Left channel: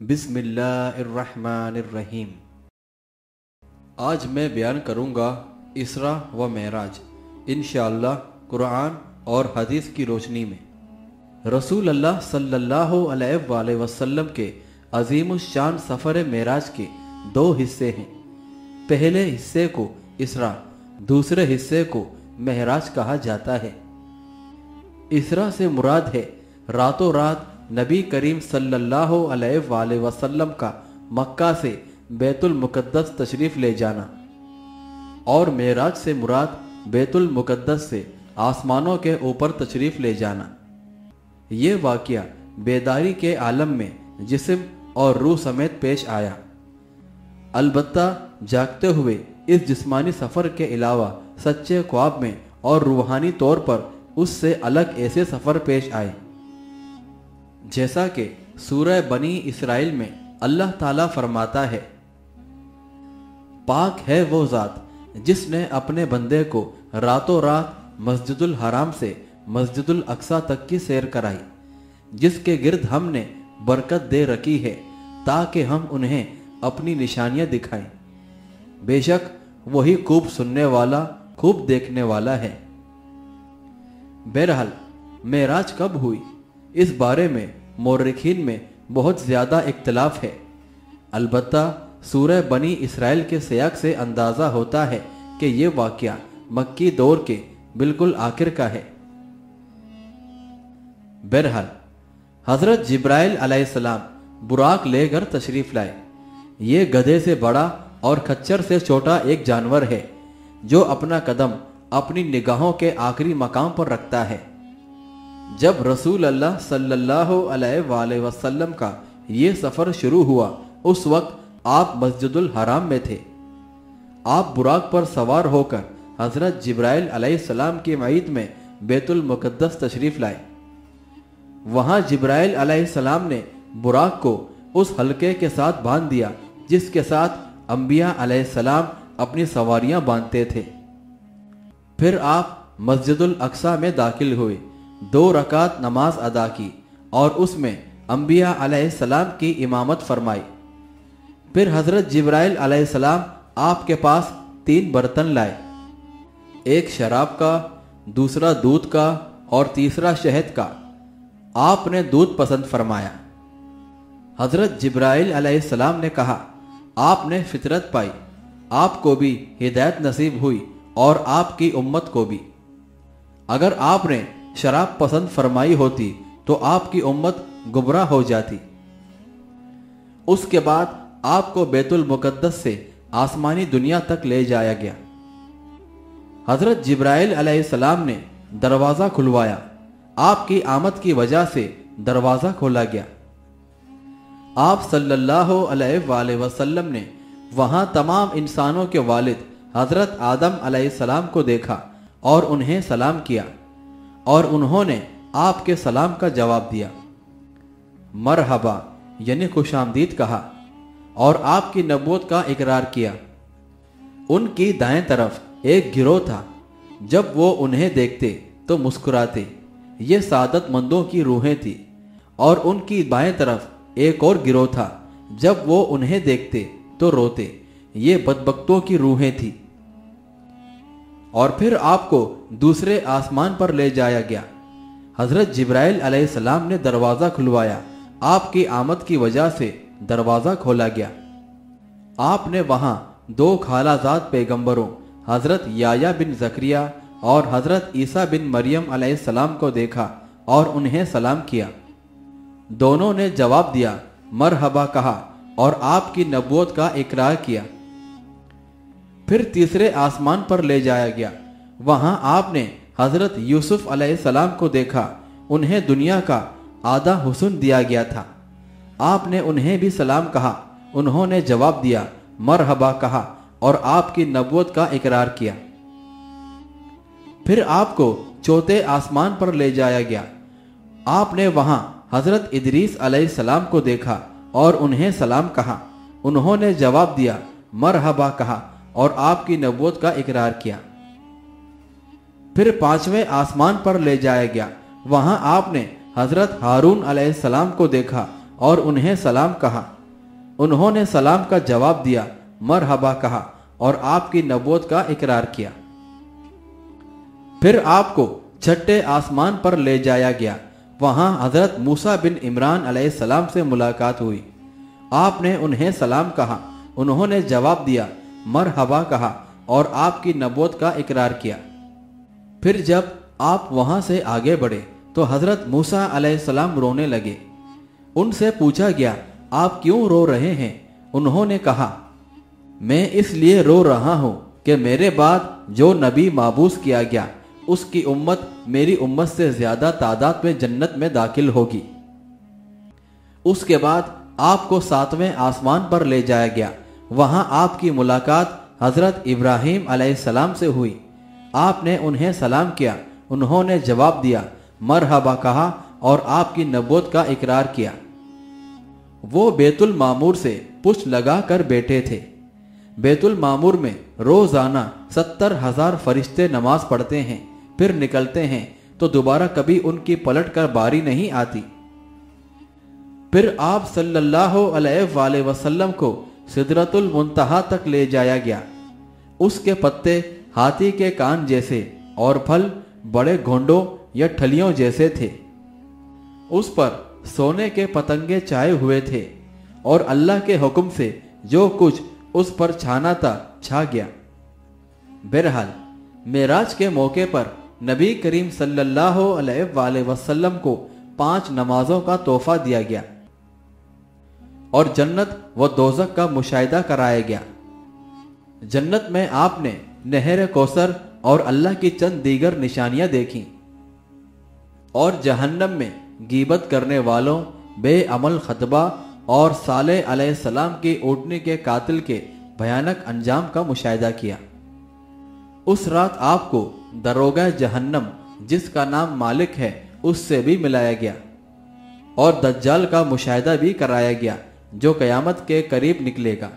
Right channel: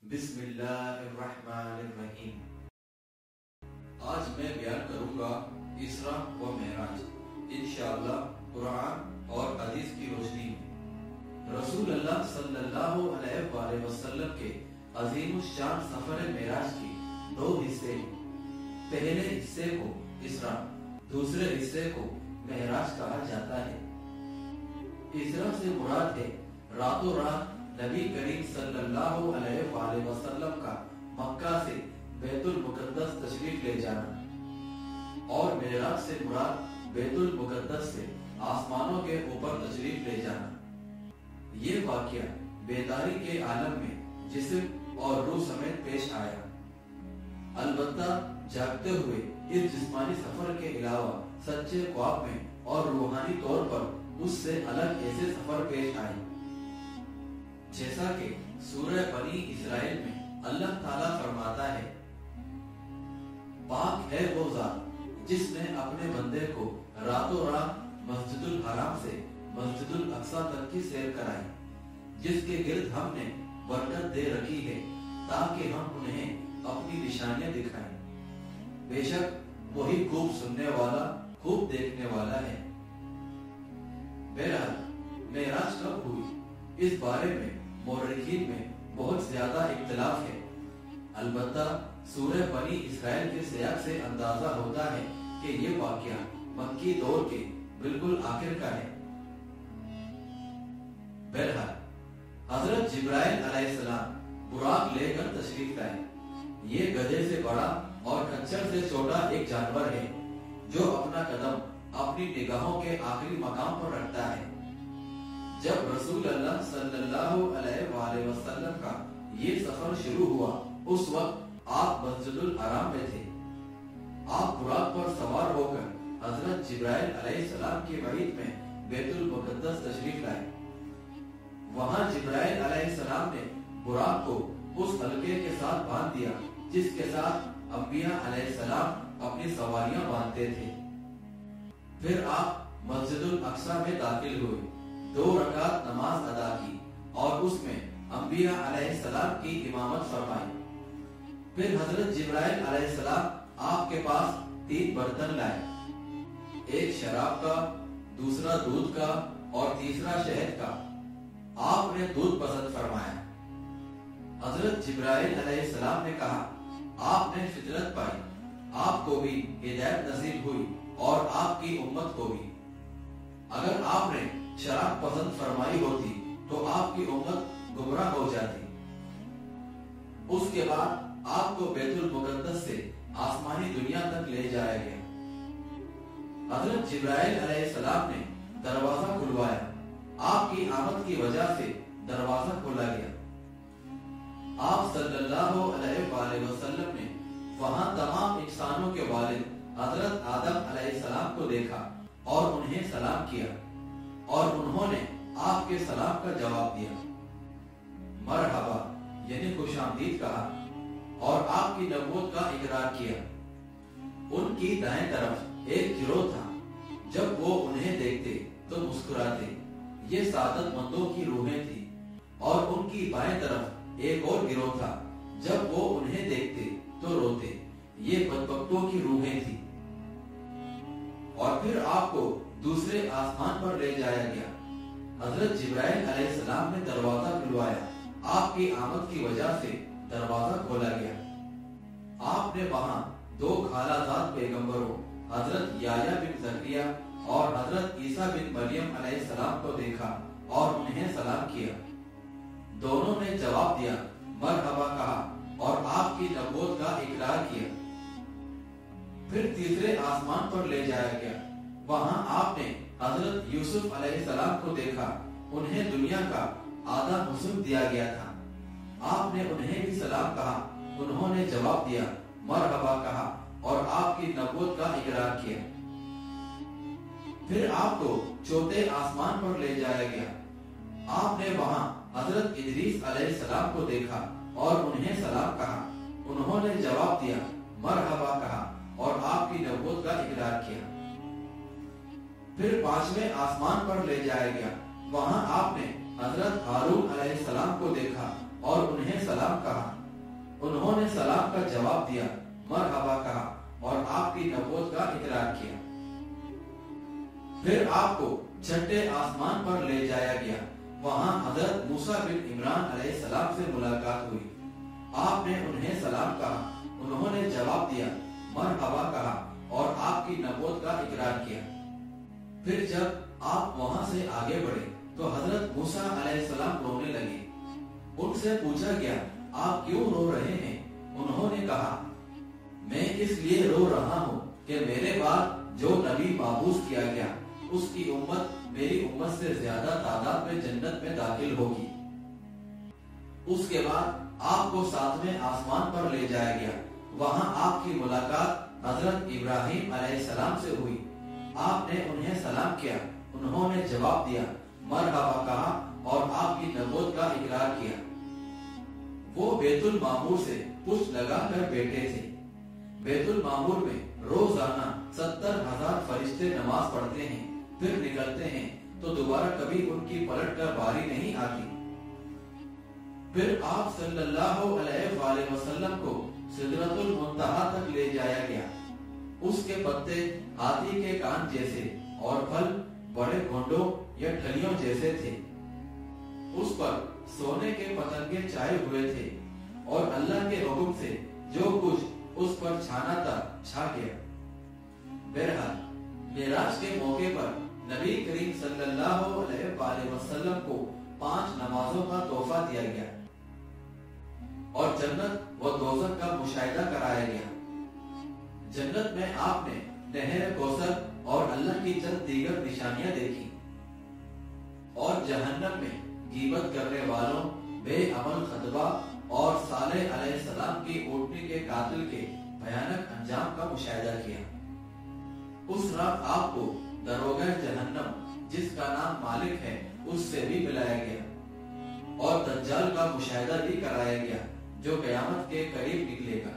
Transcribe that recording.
बिस्मिल्लाहिर्रहमानिर्रहीम। आज मैं बयान करूँगा इसरा व मेराज, इंशाअल्लाह कुरान और हदीस की रोशनी में। रसूल अल्लाह सल्लल्लाहु अलैहि वसल्लम के अजीमुश्शान सफ़र मेराज के दो हिस्से हैं। पहले हिस्से को इसरा, दूसरे हिस्से को मेराज कहा जाता है। इसरा से मुराद है रातों रात नबी करीम सल्लल्लाहु अलैहि वसल्लम का मक्का से बैतुल मुक़द्दस तशरीफ़ ले जाना, और मेराज से मुराद बैतुल मुक़द्दस से आसमानों के ऊपर तशरीफ़ ले जाना। ये वाक़या बेदारी के आलम में जिस्म और रूह समेत पेश आया। अलबत्ता जागते हुए इस जिस्मानी सफ़र के अलावा सच्चे ख्वाब में और रूहानी तौर पर उससे अलग ऐसे सफ़र पेश आए, जैसा कि सूरह बनी इसराइल में अल्लाह ताला फरमाता है, पाक है वो ज़ात जिसने अपने बंदे को रातों रात मस्जिदुल हराम से मस्जिदुल अक्सा तक की सैर कराई, जिसके गिर्द हमने बरकत दे रखी है ताकि हम उन्हें अपनी निशानियां दिखाएं। बेशक वही खूब सुनने वाला, खूब देखने वाला है। बहरहाल मेराज कब हुई, इस बारे में मौर्रिखीन में बहुत ज़्यादा इख्तिलाफ है। अलबत्ता सूरह बनी इसराइल के सियाक से अंदाज़ा होता है कि ये वाक़या मक्की दौर के बिल्कुल आखिर का है। बहरहाल हज़रत जिब्राइल अलैहिस्सलाम बुराक लेकर तशरीफ़ लाए। ये गधे से बड़ा और खच्चर से छोटा एक जानवर है जो अपना कदम अपनी निगाहों के आखिरी मकाम पर रखता है। जब रसूल अल्लाह सल्लल्लाहु अलैहि वसल्लम का ये सफ़र शुरू हुआ, उस वक्त आप मस्जिदुल हराम में थे। आप बुराक पर सवार होकर हज़रत जिब्राइल अलैहिस्सलाम की मईद में बैतुल मुक़द्दस तशरीफ़ लाए। वहाँ जिब्राइल अलैहिस्सलाम ने बुराक को उस हल्के के साथ बांध दिया जिसके साथ अंबिया अलैहिस्सलाम अपनी सवारियाँ बांधते थे। फिर आप मस्जिदुल अक्सा में दाखिल हुए, 2 रकात नमाज अदा की और उसमें अंबिया अलैहिस्सलाम की इमामत फरमाई। फिर हज़रत जिब्राइल अलैहिस्सलाम आपके पास 3 बर्तन लाए, एक शराब का, दूसरा दूध का और तीसरा शहद का। आपने दूध पसंद फरमाया। हज़रत जिब्राइल अलैहिस्सलाम ने कहा, आपने फितरत पाई, आपको भी हिदायत नसीब हुई और आपकी उम्मत को भी। अगर आपने शराब पसंद फरमाई होती तो आपकी उम्मत गुमराह हो जाती। उसके बाद आपको बैतुल मुक़द्दस से आसमानी दुनिया तक ले जाया गया। हज़रत जिब्राइल अलैहिस्सलाम ने दरवाज़ा खुलवाया। आपकी आमद की वजह से दरवाज़ा खोला गया। आप सल्लल्लाहु अलैहि वसल्लम ने वहाँ तमाम इंसानों के वालिद हज़रत आदम अलैहिस्सलाम को देखा और उन्हें सलाम किया, और उन्होंने आपके सलाम का जवाब दिया, मरहबा यानी खुशामदीद कहा, और आपकी नबूवत का इकरार किया। उनकी दाएं तरफ एक गिरोह था, जब वो उन्हें देखते तो मुस्कुराते, ये सादतमंदों की रूहें थी। और उनकी बाएं तरफ एक और गिरोह था, जब वो उन्हें देखते तो रोते, ये बदबख्तों की रूहें थी। और फिर आपको दूसरे आसमान पर ले जाया गया। हज़रत जिब्राइल अलैहिस्सलाम ने दरवाज़ा खुलवाया। आपकी आमद की वजह से दरवाज़ा खोला गया। आपने वहाँ 2 खालाजाद पैगंबरों हज़रत याया बिन ज़करिया और हज़रत ईसा बिन मरियम अलैहिस्सलाम को देखा और उन्हें सलाम किया। दोनों ने जवाब दिया, मरहबा कहा और आपकी नबूवत का इकरार किया। फिर तीसरे आसमान पर ले जाया गया। वहाँ आपने हज़रत यूसुफ अलैहिस्सलाम को देखा। उन्हें दुनिया का आधा हुस्न दिया गया था। आपने उन्हें भी सलाम कहा। उन्होंने जवाब दिया, मरहबा कहा और आपकी नबूवत का इकरार किया। फिर आपको चौथे आसमान पर ले जाया गया। आपने वहाँ हज़रत इदरीस अलैहिस्सलाम को देखा और उन्हें सलाम कहा। उन्होंने जवाब दिया, मरहबा कहा और आपकी नबूवत का इकरार किया। फिर 5वें आसमान पर ले जाया गया। वहां आपने हजरत हारून अलैहिस्सलाम को देखा और उन्हें सलाम कहा। उन्होंने सलाम का जवाब दिया, मरहबा कहा और आपकी नबूवत का इकरार किया। फिर आपको छठे आसमान पर ले जाया गया। वहां हजरत मूसा बिन इमरान अलैहिस्सलाम से मुलाकात हुई। आपने उन्हें सलाम कहा। उन्होंने जवाब दिया, मरहबा कहा और आपकी नबूवत का इकरार किया। फिर जब आप वहां से आगे बढ़े तो हजरत मूसा अलैहिस्सलाम रोने लगे। उनसे पूछा गया, आप क्यों रो रहे हैं? उन्होंने कहा, मैं इसलिए रो रहा हूं कि मेरे बाद जो नबी माबूस किया गया उसकी उम्मत मेरी उम्मत से ज्यादा तादाद में जन्नत में दाखिल होगी। उसके बाद आपको 7वें आसमान पर ले जाया गया। वहां आपकी मुलाकात हजरत इब्राहीम अलैहिस्सलाम से हुई। आपने उन्हें सलाम किया। उन्होंने जवाब दिया, मरहबा कहा और आपकी नबूवत का इकरार किया। वो बैतुल मामूर से पुष्ट लगा कर बैठे थे। बैतुल मामूर में रोजाना 70,000 फरिश्ते नमाज पढ़ते हैं, फिर निकलते हैं तो दोबारा कभी उनकी पलट कर बारी नहीं आती। फिर आप सल्लल्लाहु अलैहि वसल्लम को सिदरतुल मुंतहा तक ले जाया गया। उसके पत्ते हाथी के कान जैसे और फल बड़े घोंडों या ठलियों जैसे थे। उस पर सोने के पतंगे छाए हुए थे और अल्लाह के हुक्म से जो कुछ उस पर छाना था छा गया। बहरहाल मेराज के मौके पर नबी करीम सल्लल्लाहु अलैहि वसल्लम को 5 नमाजों का तोहफा दिया गया और जन्नत व दोज़ख का मुशाहिदा कराया गया। जन्नत में आपने नहर कौसर और अल्लाह की चंद दीगर निशानियां देखी और जहन्नम में गीबत करने वालों, बेअमल खतबा और सालेह अलैहिस्सलाम की ऊँटनी के कातिल के भयानक अंजाम का मुशाहिदा किया। उस रात आपको दरोगा जहन्नम, जिसका नाम मालिक है, उससे भी मिलाया गया और दज्जाल का मुशाहिदा भी कराया गया जो कयामत के करीब निकलेगा।